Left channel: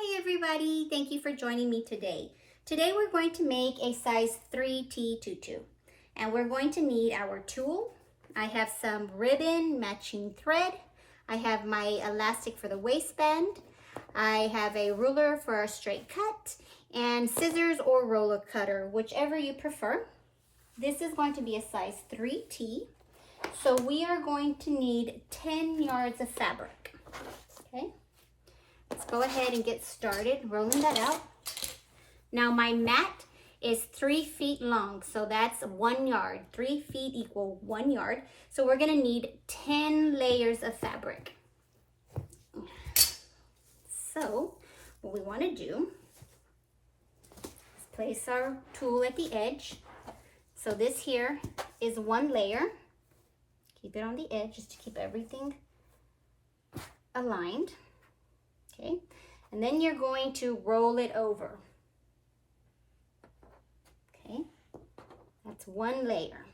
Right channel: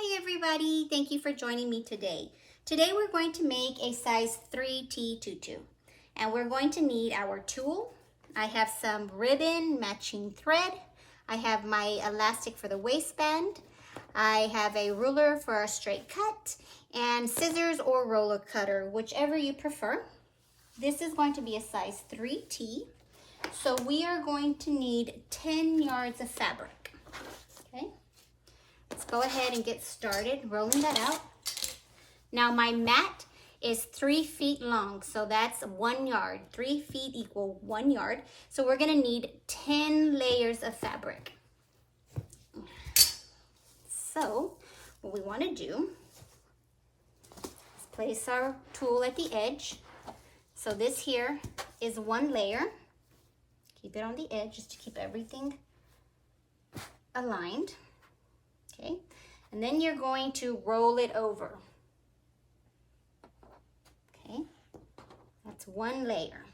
Hi everybody, thank you for joining me today. Today we're going to make a size 3T tutu and we're going to need our tulle. I have some ribbon matching thread. I have my elastic for the waistband. I have a ruler for a straight cut and scissors or roller cutter, whichever you prefer. This is going to be a size 3T. So we are going to need 10 yards of fabric, okay? Let's go ahead and get started rolling that out. Now my mat is 3 feet long, so that's 1 yard. 3 feet equal 1 yard. So we're gonna need 10 layers of fabric. So what we wanna do is place our tulle at the edge. So this here is 1 layer. Keep it on the edge just to keep everything aligned. Okay, and then you're going to roll it over. Okay, that's 1 layer.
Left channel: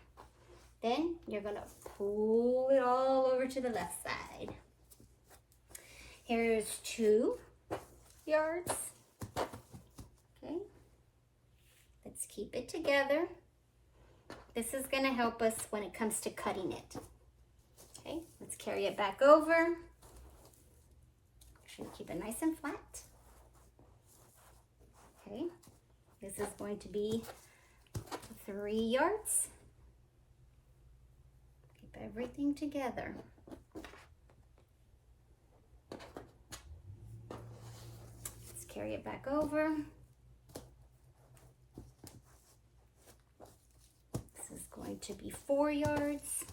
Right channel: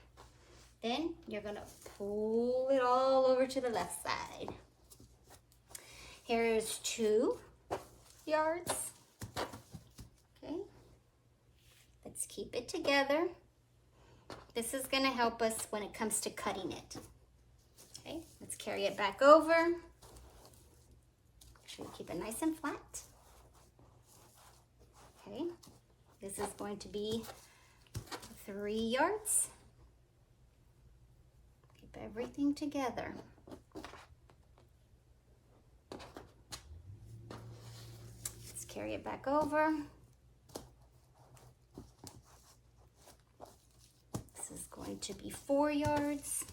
Then you're gonna pull it all over to the left side. Here's 2 yards. Okay, let's keep it together. This is gonna help us when it comes to cutting it. Okay, let's carry it back over. Make sure you keep it nice and flat. Okay, this is going to be 3 yards. Keep everything together. Let's carry it back over. This is going to be 4 yards.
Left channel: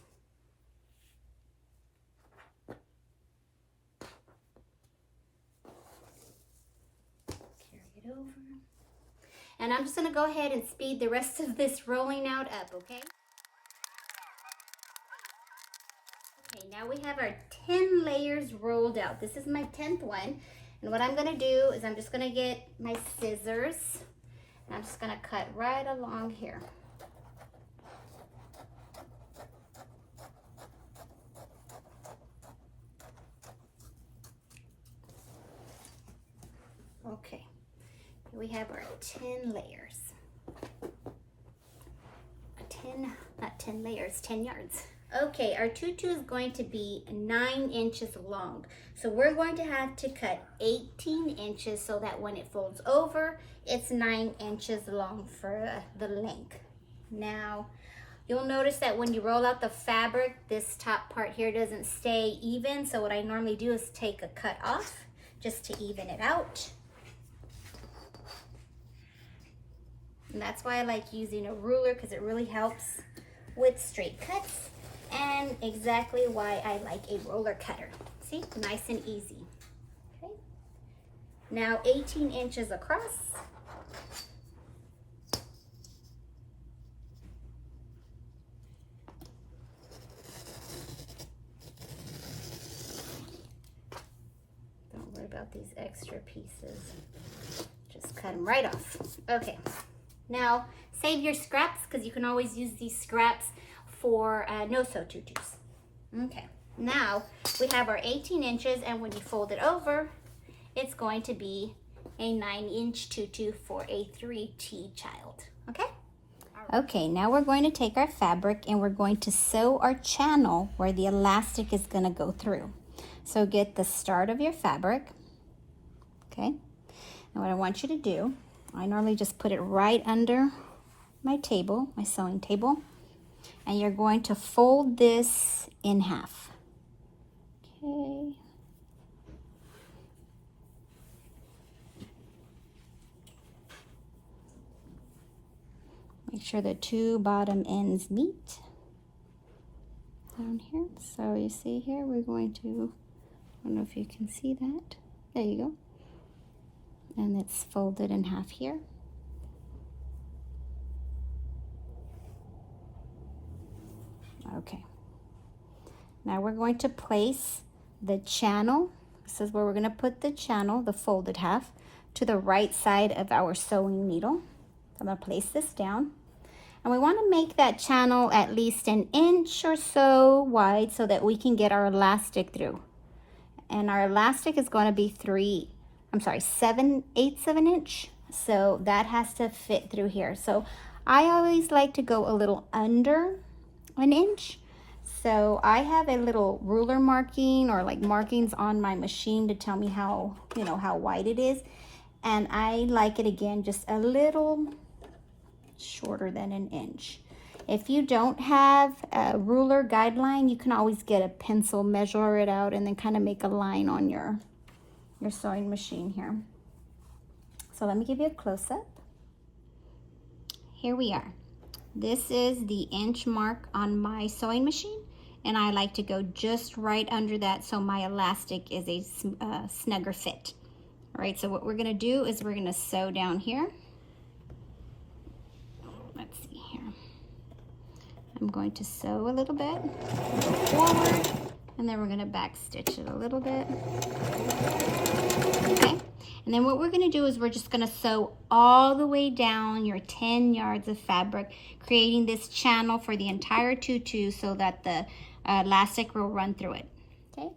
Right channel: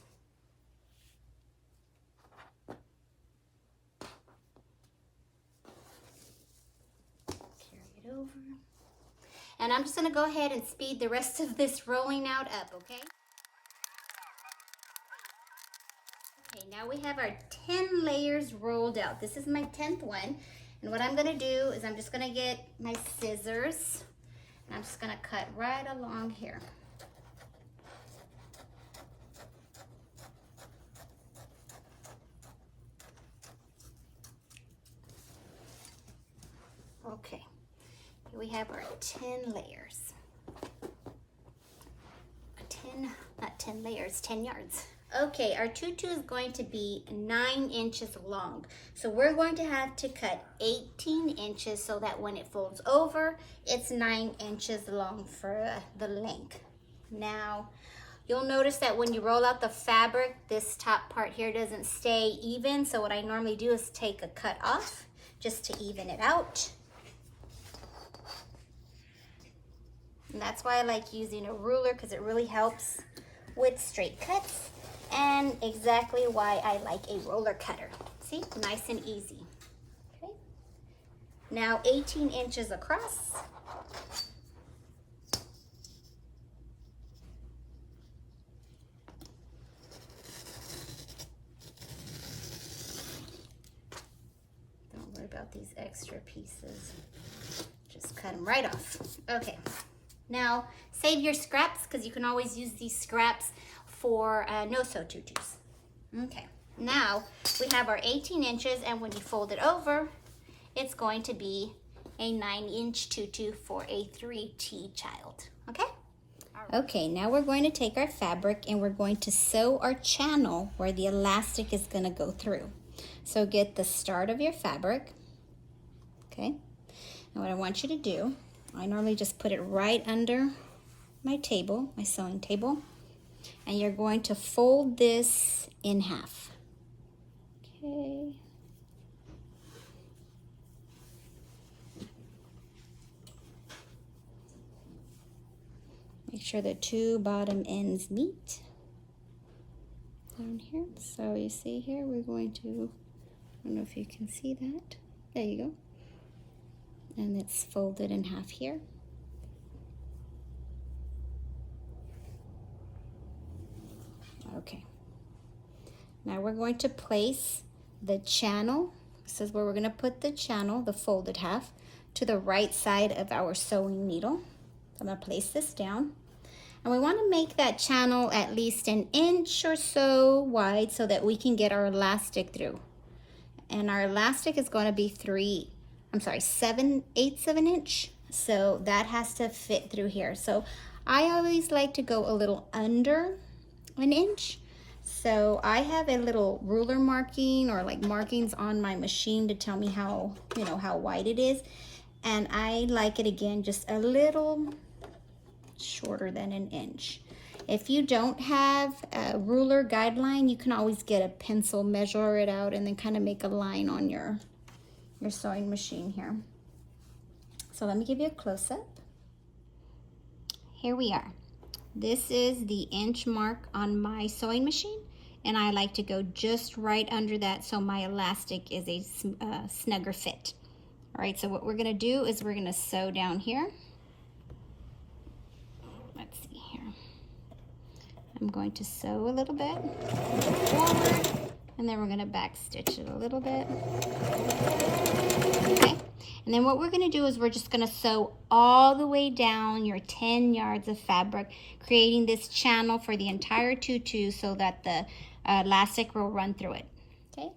Over. And I'm just going to go ahead and speed the rest of this rolling out up, okay? Okay, now we have our 10 layers rolled out. This is my 10th one. And what I'm going to do is I'm just going to get my scissors and I'm just going to cut right along here. Okay. We have our 10 layers. 10 yards. Okay, our tutu is going to be 9 inches long. So we're going to have to cut 18 inches so that when it folds over, it's 9 inches long for the length. Now, you'll notice that when you roll out the fabric, this top part here doesn't stay even. So what I normally do is take a cut off just to even it out. And that's why I like using a ruler, because it really helps with straight cuts, and exactly why I like a roller cutter. See, nice and easy. Okay. Now 18 inches across. Don't worry about these extra pieces. Just cut them right off. Okay. Now, save your scraps because you can always use these scraps for no-sew tutus. Okay, now we have our 18 inches, and when you fold it over, it's going to be a 9-inch tutu for a 3T child, okay? Okay, now we're going to take our fabric and we're going to sew our channel where the elastic is going to go through. So get the start of your fabric, okay? And what I want you to do, I normally just put it right under my table, my sewing table, and you're going to fold this in half. Okay. Make sure the 2 bottom ends meet down here. So you see here, we're going to, I don't know if you can see that. There you go. And it's folded in half here. Okay. Now we're going to place the channel. This is where we're going to put the channel, the folded half, to the right side of our sewing needle. So I'm going to place this down. And we want to make that channel at least 1 inch or so wide so that we can get our elastic through. And our elastic is going to be 3 7/8 of an inch. So that has to fit through here. So I always like to go a little under an inch. So I have a little ruler marking or like markings on my machine to tell me how, you know, how wide it is. And I like it again, just a little shorter than an inch. If you don't have a ruler guideline, you can always get a pencil, measure it out, and then kind of make a line on your sewing machine here. So let me give you a close-up. Here we are. This is the inch mark on my sewing machine, and I like to go just right under that so my elastic is a snugger fit. All right, so what we're gonna do is we're gonna sew down here. Let's see here. I'm going to sew a little bit forward, and then we're gonna back stitch it a little bit. Okay, and then what we're gonna do is we're just gonna sew all the way down your 10 yards of fabric, creating this channel for the entire tutu so that the elastic will run through it. Okay,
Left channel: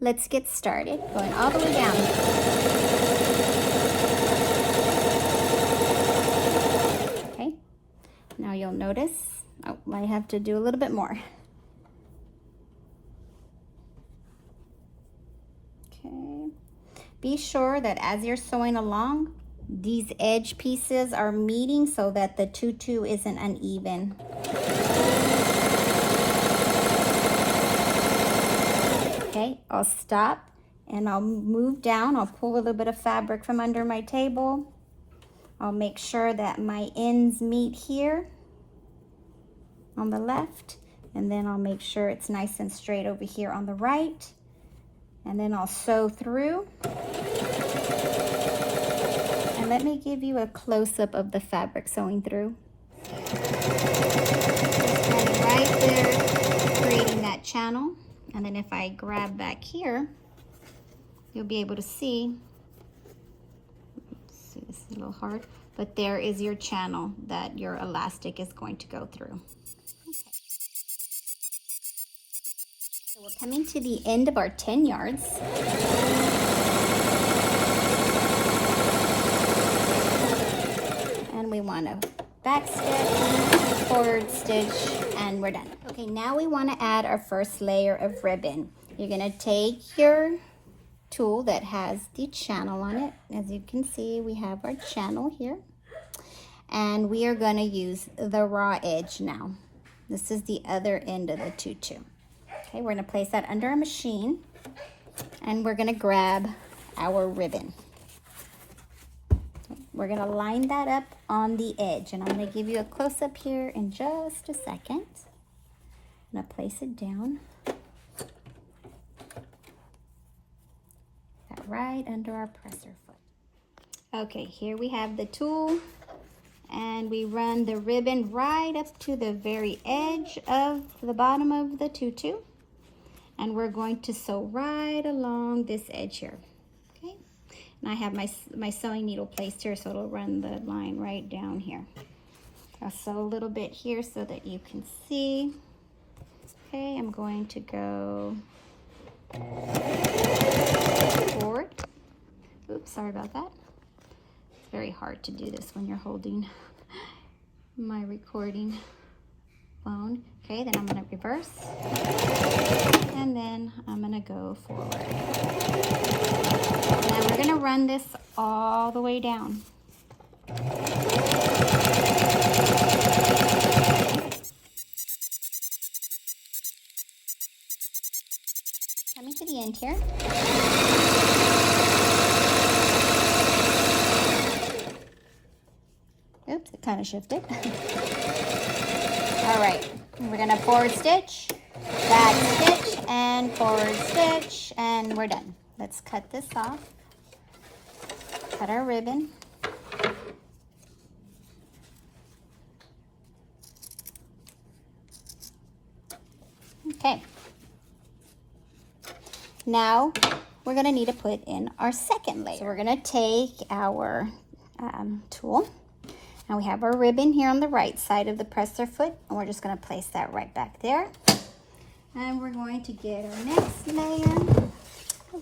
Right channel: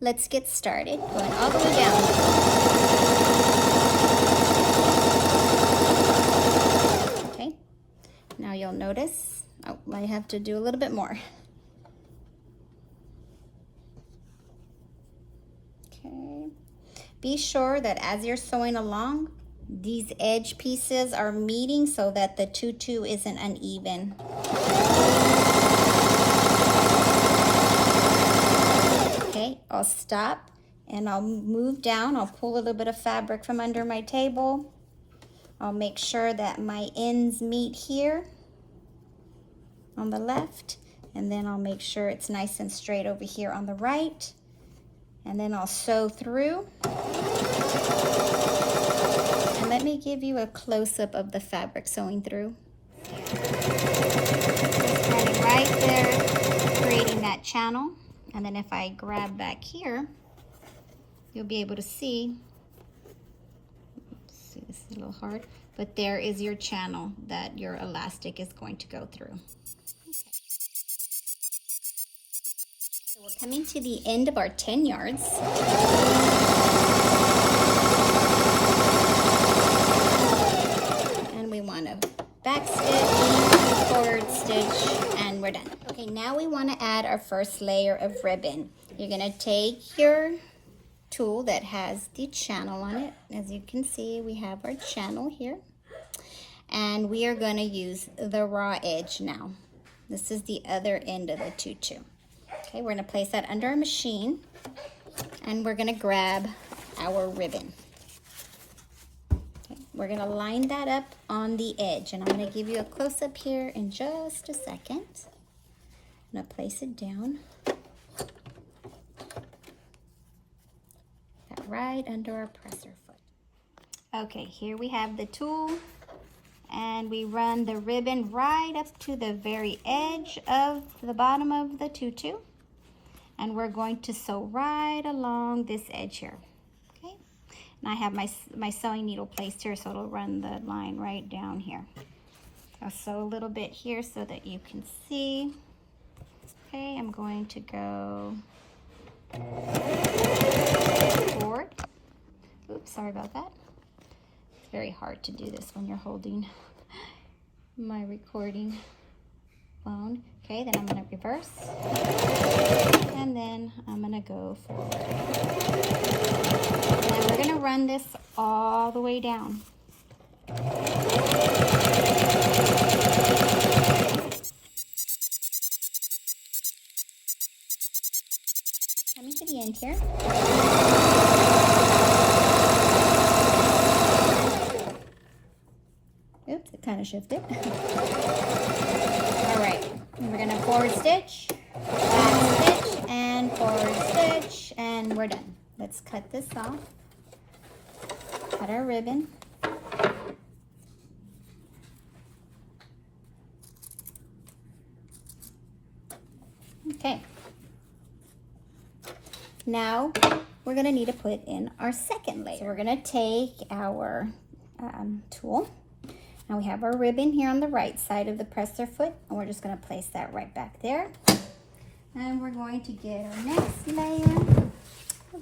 let's get started, going all the way down. Okay, now you'll notice, oh, I have to do a little bit more. Okay, be sure that as you're sewing along, these edge pieces are meeting so that the tutu isn't uneven. Okay, I'll stop and I'll move down. I'll pull a little bit of fabric from under my table. I'll make sure that my ends meet here on the left, and then I'll make sure it's nice and straight over here on the right, and then I'll sew through. And let me give you a close-up of the fabric sewing through. Just starting right there, creating that channel. And then if I grab back here, you'll be able to see, let's see, this is a little hard, but there is your channel that your elastic is going to go through. Okay. So we're coming to the end of our 10 yards. And we want to back stitch, forward stitch, and we're done. Okay, now we want to add our first layer of ribbon. You're going to take your tool that has the channel on it. As you can see, we have our channel here. And we are going to use the raw edge now. This is the other end of the tutu. Okay, we're going to place that under our machine, and we're going to grab our ribbon. We're gonna line that up on the edge, and I'm gonna give you a close-up here in just a second. I'm gonna place it down. Right under our presser foot. Okay, here we have the tool, and we run the ribbon right up to the very edge of the bottom of the tutu, and we're going to sew right along this edge here. And I have my sewing needle placed here, so it'll run the line right down here. I'll sew a little bit here so that you can see. Okay, I'm going to go forward. Oops, sorry about that. It's very hard to do this when you're holding my recording phone. Okay, then I'm going to reverse, and then I'm going to go forward. Now we're going to run this all the way down. Coming to the end here. Oops, it kind of shifted. All right, we're going to forward stitch, back stitch, and forward stitch, and we're done. Let's cut this off. Cut our ribbon. Okay. Now we're going to need to put in our second layer. So we're going to take our tool, and we have our ribbon here on the right side of the presser foot, and we're just going to place that right back there. And we're going to get our next layer.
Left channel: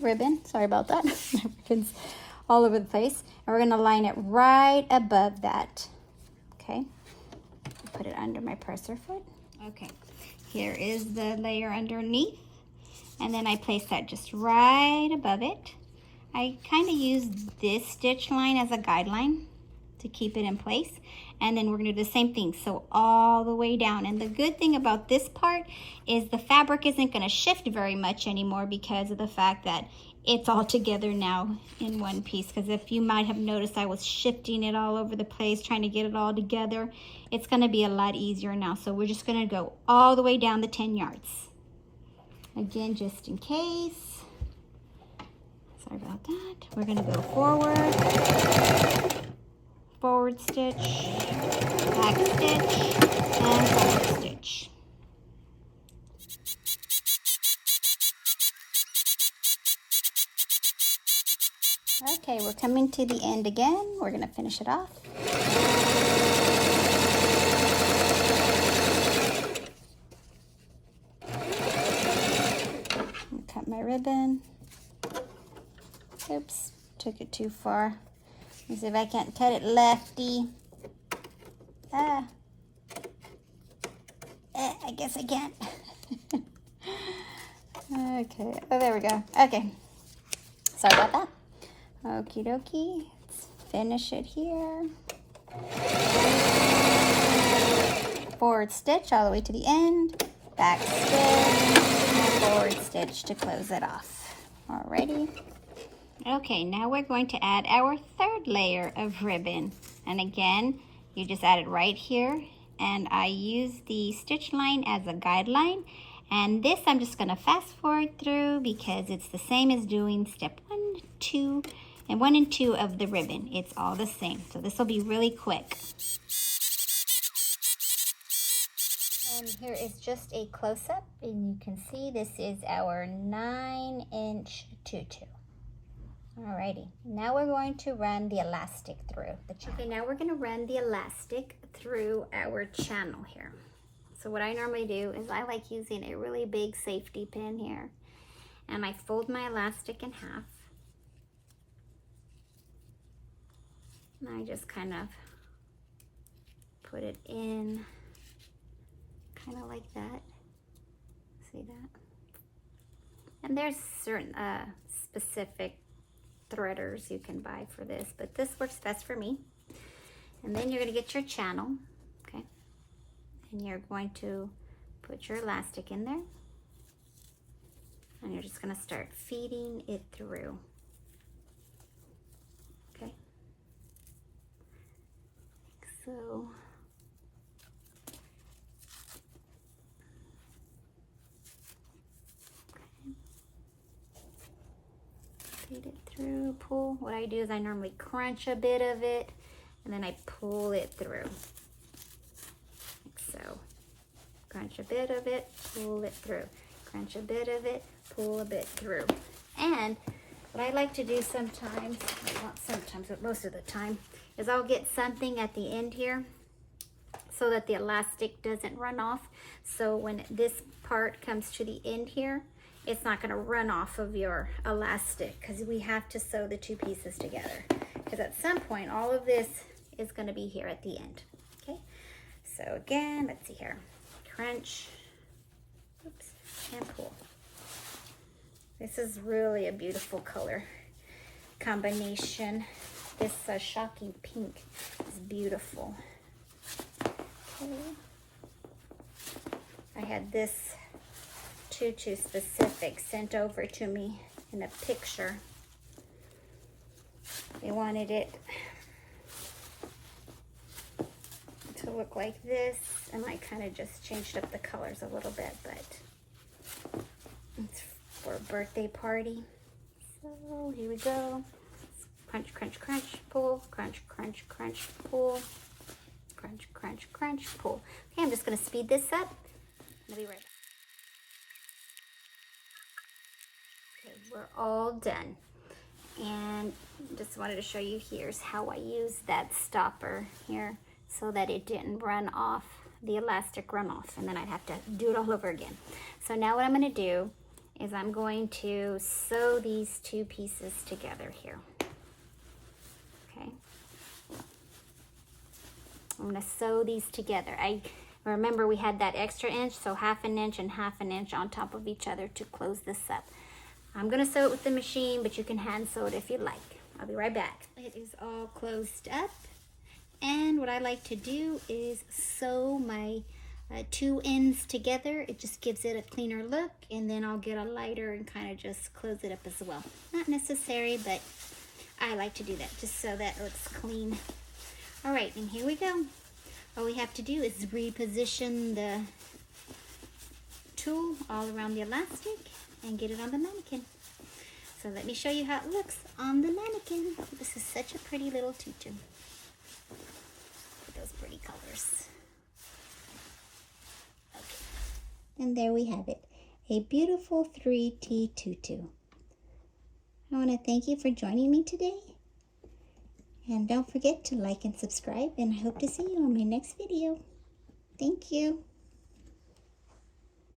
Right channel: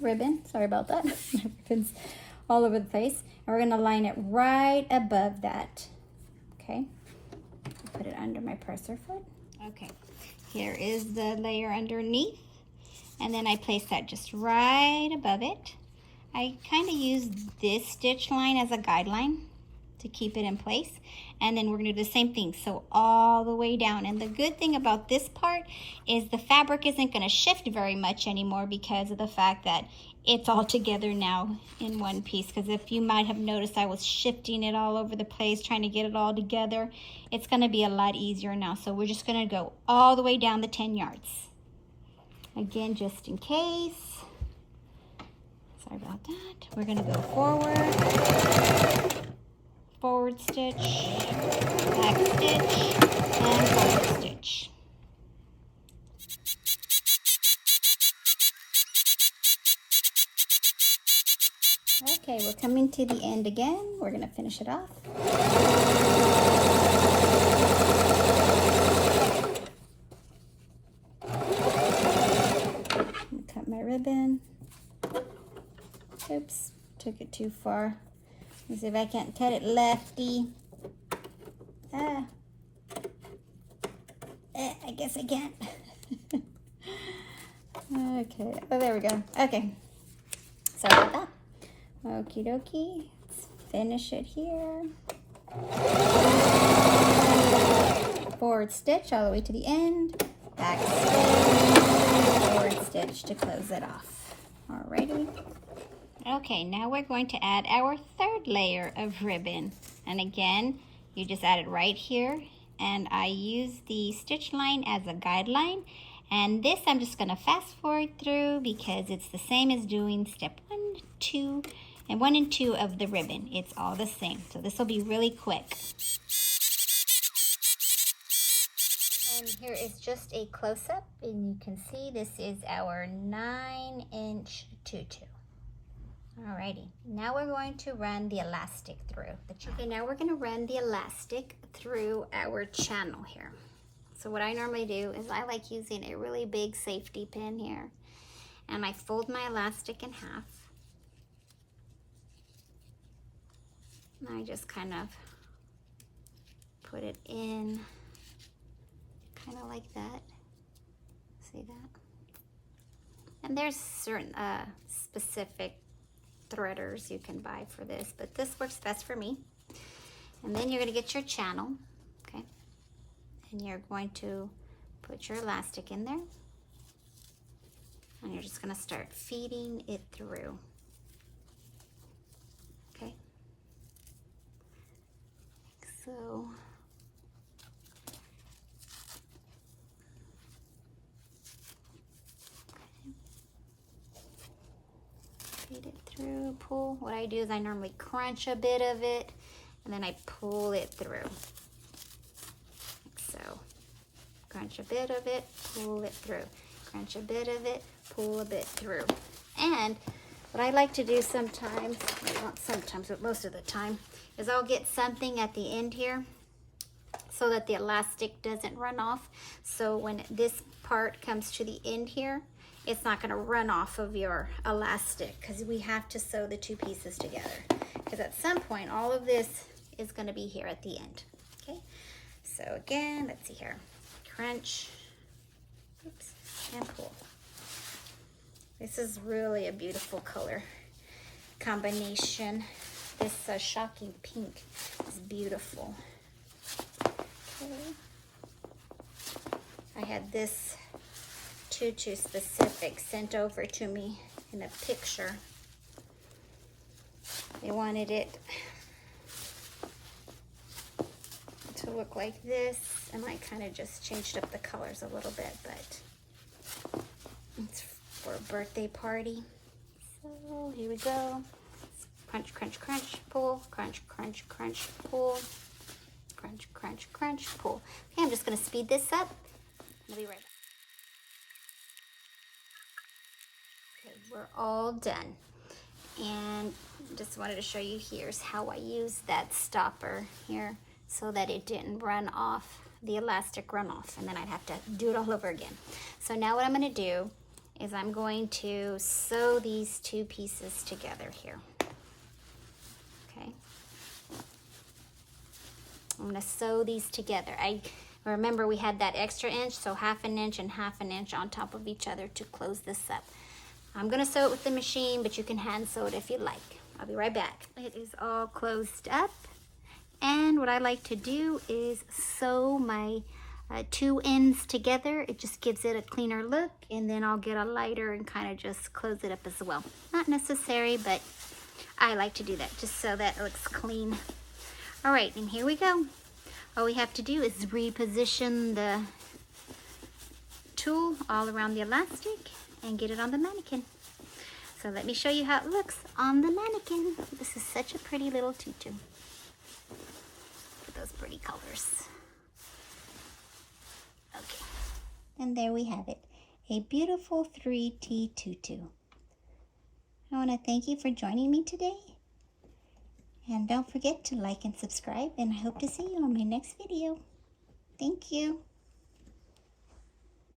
ribbon. Sorry about that. Ribbon's all over the place. And we're gonna line it right above that. Okay, put it under my presser foot. Okay, here is the layer underneath. And then I place that just right above it. I kind of use this stitch line as a guideline to keep it in place. And then we're gonna do the same thing, so all the way down. And the good thing about this part is the fabric isn't gonna shift very much anymore because of the fact that it's all together now in one piece. Because if you might have noticed, I was shifting it all over the place, trying to get it all together. It's gonna be a lot easier now. So we're just gonna go all the way down the 10 yards. Again, just in case. Sorry about that. We're gonna go forward stitch, back stitch, and forward stitch. Okay, we're coming to the end again. We're gonna finish it off. Cut my ribbon. Oops, took it too far. Let's see if I can't cut it lefty. I guess I can't. Okay, oh, there we go. Okay, sorry about that. Okie dokie, let's finish it here. Forward stitch all the way to the end. Back stitch, forward stitch to close it off. Alrighty. Okay, now we're going to add our third layer of ribbon. And again, you just add it right here. And I use the stitch line as a guideline. And this I'm just gonna fast forward through because it's the same as doing step 1, 2, and 1 and 2 of the ribbon. It's all the same. So this will be really quick. And here is just a close-up, and you can see this is our 9-inch tutu. Alrighty, now we're going to run the elastic through the channel. Okay, now we're going to run the elastic through our channel here. So what I normally do is I like using a really big safety pin here, and I fold my elastic in half. And I just kind of put it in, kind of like that. See that? And there's certain specific threaders you can buy for this, but this works best for me. And then you're going to get your channel, okay? And you're going to put your elastic in there. And you're just going to start feeding it through. Okay? So feed it through, pull. What I do is I normally crunch a bit of it and then I pull it through, like so. Crunch a bit of it, pull it through. Crunch a bit of it, pull a bit through. And what I like to do sometimes, well, not sometimes, but most of the time, is I'll get something at the end here so that the elastic doesn't run off. So when this part comes to the end here, it's not going to run off of your elastic, because we have to sew the two pieces together, because at some point all of this is going to be here at the end. Okay, so again, let's see here, crunch, oops, and pull. This is really a beautiful color combination. This shocking pink is beautiful. Okay, I had this tutu specific sent over to me in a picture. They wanted it to look like this, and I kind of just changed up the colors a little bit, but it's for a birthday party. So here we go. Crunch, crunch, crunch, pull, crunch, crunch, crunch, pull, crunch, crunch, crunch, pull. Okay, I'm just going to speed this up. I'll be right back. Okay, we're all done. And just wanted to show you, here's how I used that stopper here so that it didn't run off, the elastic run off, and then I'd have to do it all over again. So now what I'm going to do is I'm going to sew these two pieces together here. Okay. I'm going to sew these together. I remember we had that extra inch, so 1/2 inch and 1/2 inch on top of each other to close this up. I'm going to sew it with the machine, but you can hand sew it if you like. I'll be right back. It is all closed up, and what I like to do is sew my two ends together. It just gives it a cleaner look, and then I'll get a lighter and kind of just close it up as well. Not necessary, but I like to do that just so that it looks clean. All right, and here we go. All we have to do is reposition the tool all around the elastic and get it on the mannequin. So let me show you how it looks on the mannequin. This is such a pretty little tutu. Look at those pretty colors. Okay, and there we have it, a beautiful 3T tutu. I want to thank you for joining me today. And don't forget to like and subscribe, and I hope to see you on my next video. Thank you.